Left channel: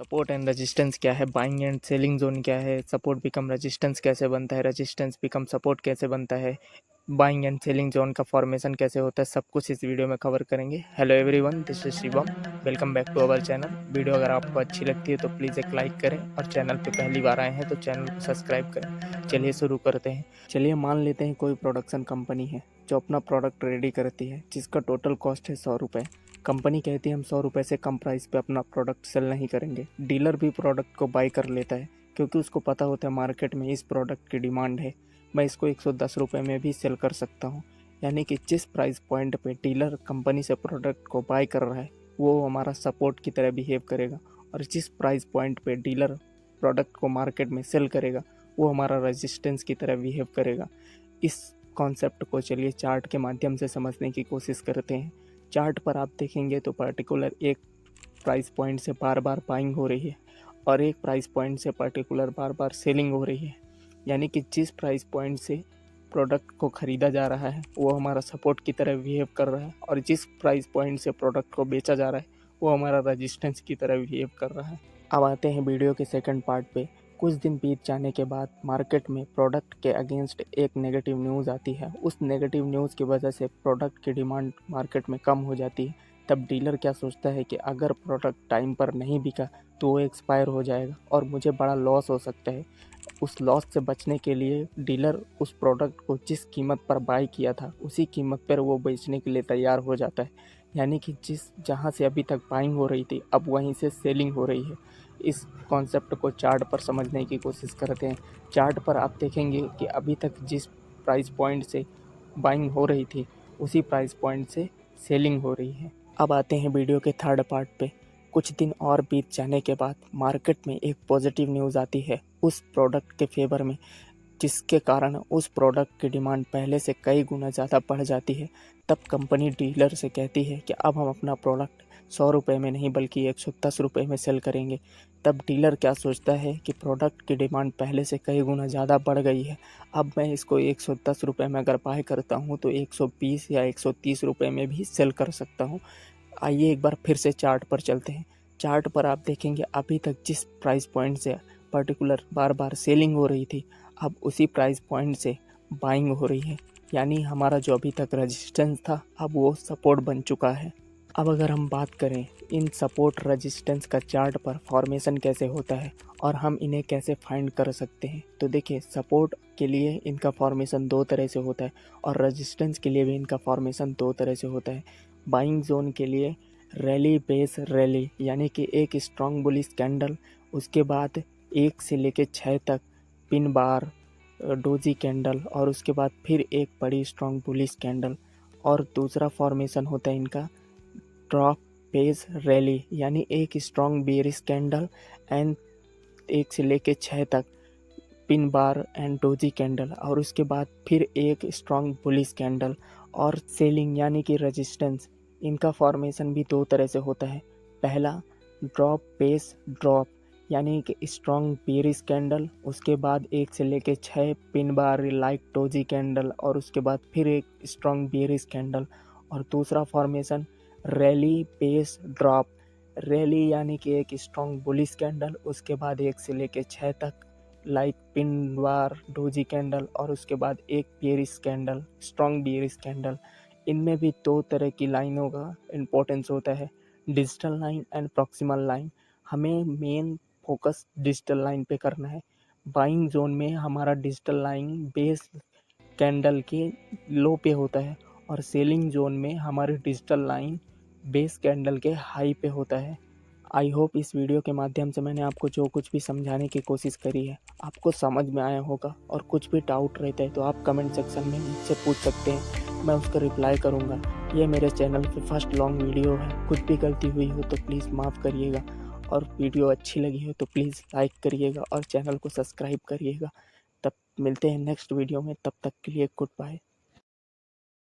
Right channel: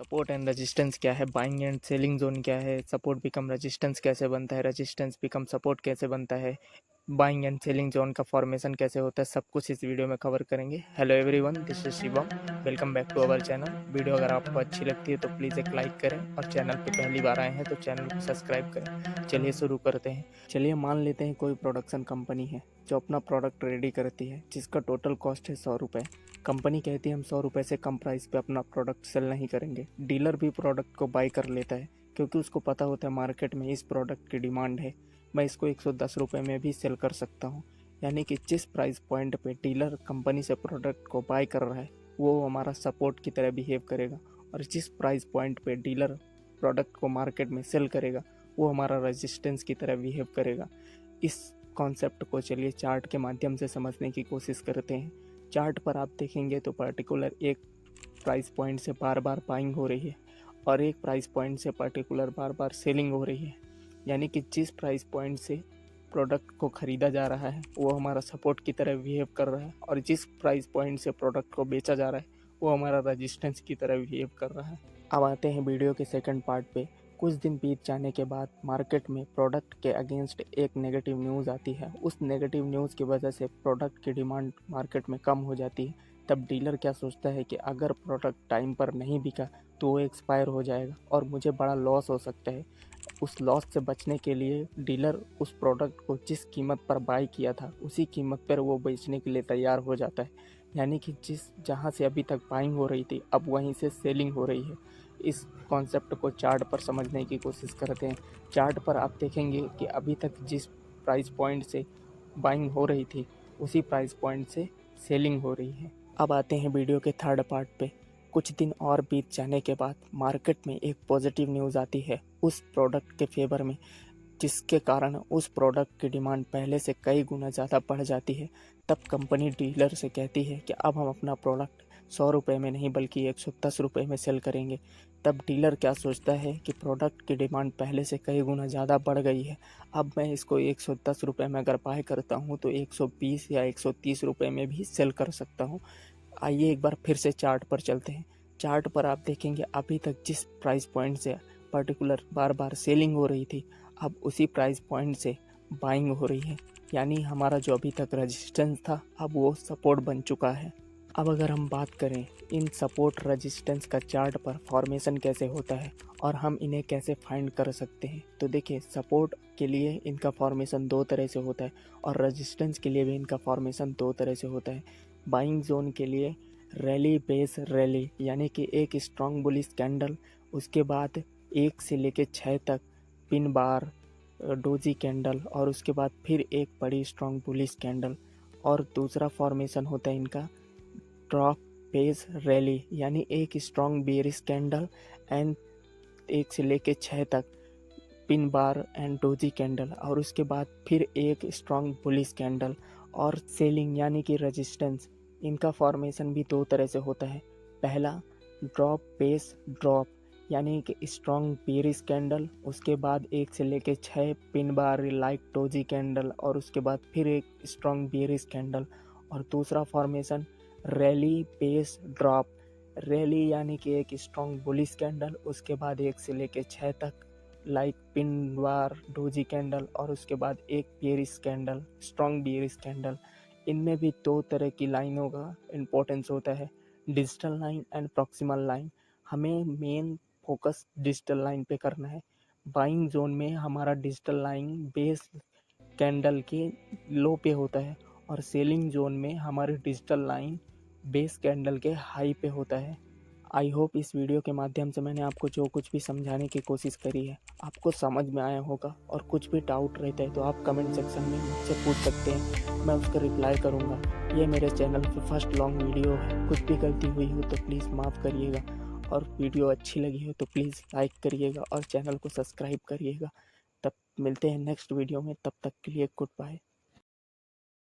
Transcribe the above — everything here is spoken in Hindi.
सपोर्ट एंड रेजिस्टेंस क्या है, बाइंग एंड सेलिंग जोन क्या है, सपोर्ट बिकम रेजिस्टेंस कैसे बनता है, रेजिस्टेंस बिकम सपोर्ट कैसे बनता है, बाइंग एंड सेलिंग जोन का फॉर्मेशन कैसे होता है, सब कुछ इस वीडियो में कवर करेंगे। Hello everyone, this is Shivam. Welcome back to our channel. Video अगर आपको अच्छी लगती है तो प्लीज़ एक लाइक करें और चैनल पे पहली बार आए हैं तो चैनल को सब्सक्राइब करें। चलिए शुरू करते हैं। चलिए मान लेते हैं कोई प्रोडक्शन कंपनी है जो अपना प्रोडक्ट रेडी करती है जिसका टोटल कॉस्ट है 100 रुपये। कंपनी कहती है हम 100 रुपये से कम प्राइस पे अपना प्रोडक्ट सेल नहीं करेंगे। डीलर भी प्रोडक्ट को बाई कर लेता है क्योंकि उसको पता होता है मार्केट में इस प्रोडक्ट की डिमांड है, मैं इसको 110 रुपये में भी सेल कर सकता हूँ। यानी कि जिस प्राइस पॉइंट पे डीलर कंपनी से प्रोडक्ट को बाय कर रहा है वो हमारा सपोर्ट की तरह बिहेव करेगा, और जिस प्राइस पॉइंट पे डीलर प्रोडक्ट को मार्केट में सेल करेगा वो हमारा रेजिस्टेंस की तरह बिहेव करेगा। इस कॉन्सेप्ट को चलिए चार्ट के माध्यम से समझने की कोशिश करते हैं। चार्ट पर आप देखेंगे तो पर्टिकुलर एक प्राइस पॉइंट से बार बार बाइंग हो रही है और एक प्राइस पॉइंट से पर्टिकुलर बार बार सेलिंग हो रही है। यानी कि जिस प्राइस पॉइंट से प्रोडक्ट को ख़रीदा जा रहा है वो हमारा सपोर्ट की तरह बिहेव कर रहा है, और जिस प्राइस पॉइंट से प्रोडक्ट को बेचा जा रहा है वो हमारा रेजिस्टेंस की तरह बिहेव कर रहा है। अब आते हैं वीडियो के सेकंड पार्ट पे। कुछ दिन बीत जाने के बाद मार्केट में प्रोडक्ट के अगेंस्ट एक नेगेटिव न्यूज़ आती है। उस नेगेटिव न्यूज़ की वजह से प्रोडक्ट की डिमांड मार्केट में कम हो जाती है। तब डीलर क्या सोचता है कि अगर प्रोडक्ट टाइम पर नहीं बिका तो वो एक्सपायर हो जाएगा और मुझे बड़ा लॉस हो सकता है। उस लॉस से बचने के लिए डीलर उस प्रोडक्ट को जिस कीमत पर बाई किया था उसी कीमत पर वो बेचने के लिए तैयार हो जाता है। यानी कि जहाँ से अभी तक बाइंग हो रही थी अब वहीं से सेलिंग हो रही है। इस कॉन्सेप्ट को चार्ट पर समझने की कोशिश करते हैं। चार्ट पर आप देखेंगे कि अभी तक जिस प्राइस पॉइंट से बाइंग हो रही थी उसी प्राइस पॉइंट से सेलिंग हो रही है। अब आते हैं वीडियो के थर्ड पार्ट पे। कुछ दिन और बीत जाने के बाद मार्केट में एक पॉजिटिव न्यूज़ आती है उस प्रोडक्ट के फेवर में, जिसके कारण उस प्रोडक्ट की डिमांड पहले से कई गुना ज़्यादा बढ़ जाती है। तब कंपनी डीलर से कहती है कि अब हम अपना प्रोडक्ट 100 रुपये में नहीं बल्कि 110 रुपये में सेल करेंगे। तब डीलर क्या सोचता है कि प्रोडक्ट की डिमांड पहले से कई गुना ज़्यादा बढ़ गई है, अब मैं इसको 110 रुपये में अगर बाय करता हूँ तो 120 या 130 रुपये में भी सेल कर सकता हूँ। आइए एक बार फिर से चार्ट पर चलते हैं। चार्ट पर आप देखेंगे अभी तक जिस प्राइस पॉइंट से पर्टिकुलर बार बार सेलिंग हो रही थी अब उसी प्राइस पॉइंट से बाइंग हो रही है। यानी हमारा जो अभी तक रेजिस्टेंस था अब वो सपोर्ट बन चुका है। अब अगर हम बात करें इन सपोर्ट रेजिस्टेंस का चार्ट पर फॉर्मेशन कैसे होता है और हम इन्हें कैसे फाइंड कर सकते हैं, तो देखिए सपोर्ट के लिए इनका फॉर्मेशन दो तरह से होता है और रेजिस्टेंस के लिए भी इनका फॉर्मेशन दो तरह से होता है। बाइंग जोन के लिए रैली बेस रैली, यानी कि एक स्ट्रॉन्ग बुलिश कैंडल, उसके बाद 1 से लेकर 6 तक पिन बार डोजी कैंडल, और उसके बाद फिर एक बड़ी स्ट्रॉन्ग बुलिश कैंडल। और दूसरा फॉर्मेशन होता है इनका ड्रॉप बेस रैली, यानी एक स्ट्रॉन्ग बेरिश कैंडल एंड 1 से लेकर 6 तक pin bar and doji candle, और उसके बाद फिर एक स्ट्रॉन्ग बुलिश कैंडल। और सेलिंग यानी कि रेजिस्टेंस, इनका फॉर्मेशन भी दो तरह से होता है। पहला ड्रॉप बेस ड्रॉप, यानी कि स्ट्रॉन्ग बेरिश कैंडल, उसके बाद 1 से लेकर 6 pin bar like doji candle, और उसके बाद फिर एक स्ट्रॉन्ग बेरिश कैंडल। और दूसरा formation rally base drop, rally यानी कि एक स्ट्रॉन्ग बुलिश कैंडल, उसके बाद 1 से लेकर 6 तक like pin bar doji candle, और उसके बाद एक bearish candle strong bearish candle. इनमें भी दो तरह की लाइनों का इम्पोर्टेंस होता है, digital line and proximal line. हमें मेन फोकस डिजिटल लाइन पे करना है। बाइंग जोन में हमारा डिजिटल लाइन बेस कैंडल के लो पे होता है और सेलिंग जोन में हमारी डिजिटल लाइन बेस कैंडल के हाई पे होता है। आई होप इस वीडियो के माध्यम से मैंने आपको जो कुछ भी समझाने की कोशिश करी है आपको समझ में आया होगा, और कुछ भी डाउट रहता है तो आप कमेंट सेक्शन में मुझसे पूछ सकते हैं, मैं उसका रिप्लाई करूँगा। ये मेरे चैनल पे फर्स्ट लॉन्ग वीडियो है, कुछ भी गलती हुई हो तो प्लीज़ माफ़ करिएगा, और वीडियो अच्छी लगी हो तो प्लीज़ लाइक करिएगा और चैनल को सब्सक्राइब करिएगा। तब मिलते हैं नेक्स्ट वीडियो में, तब तक के लिए गुड बाय।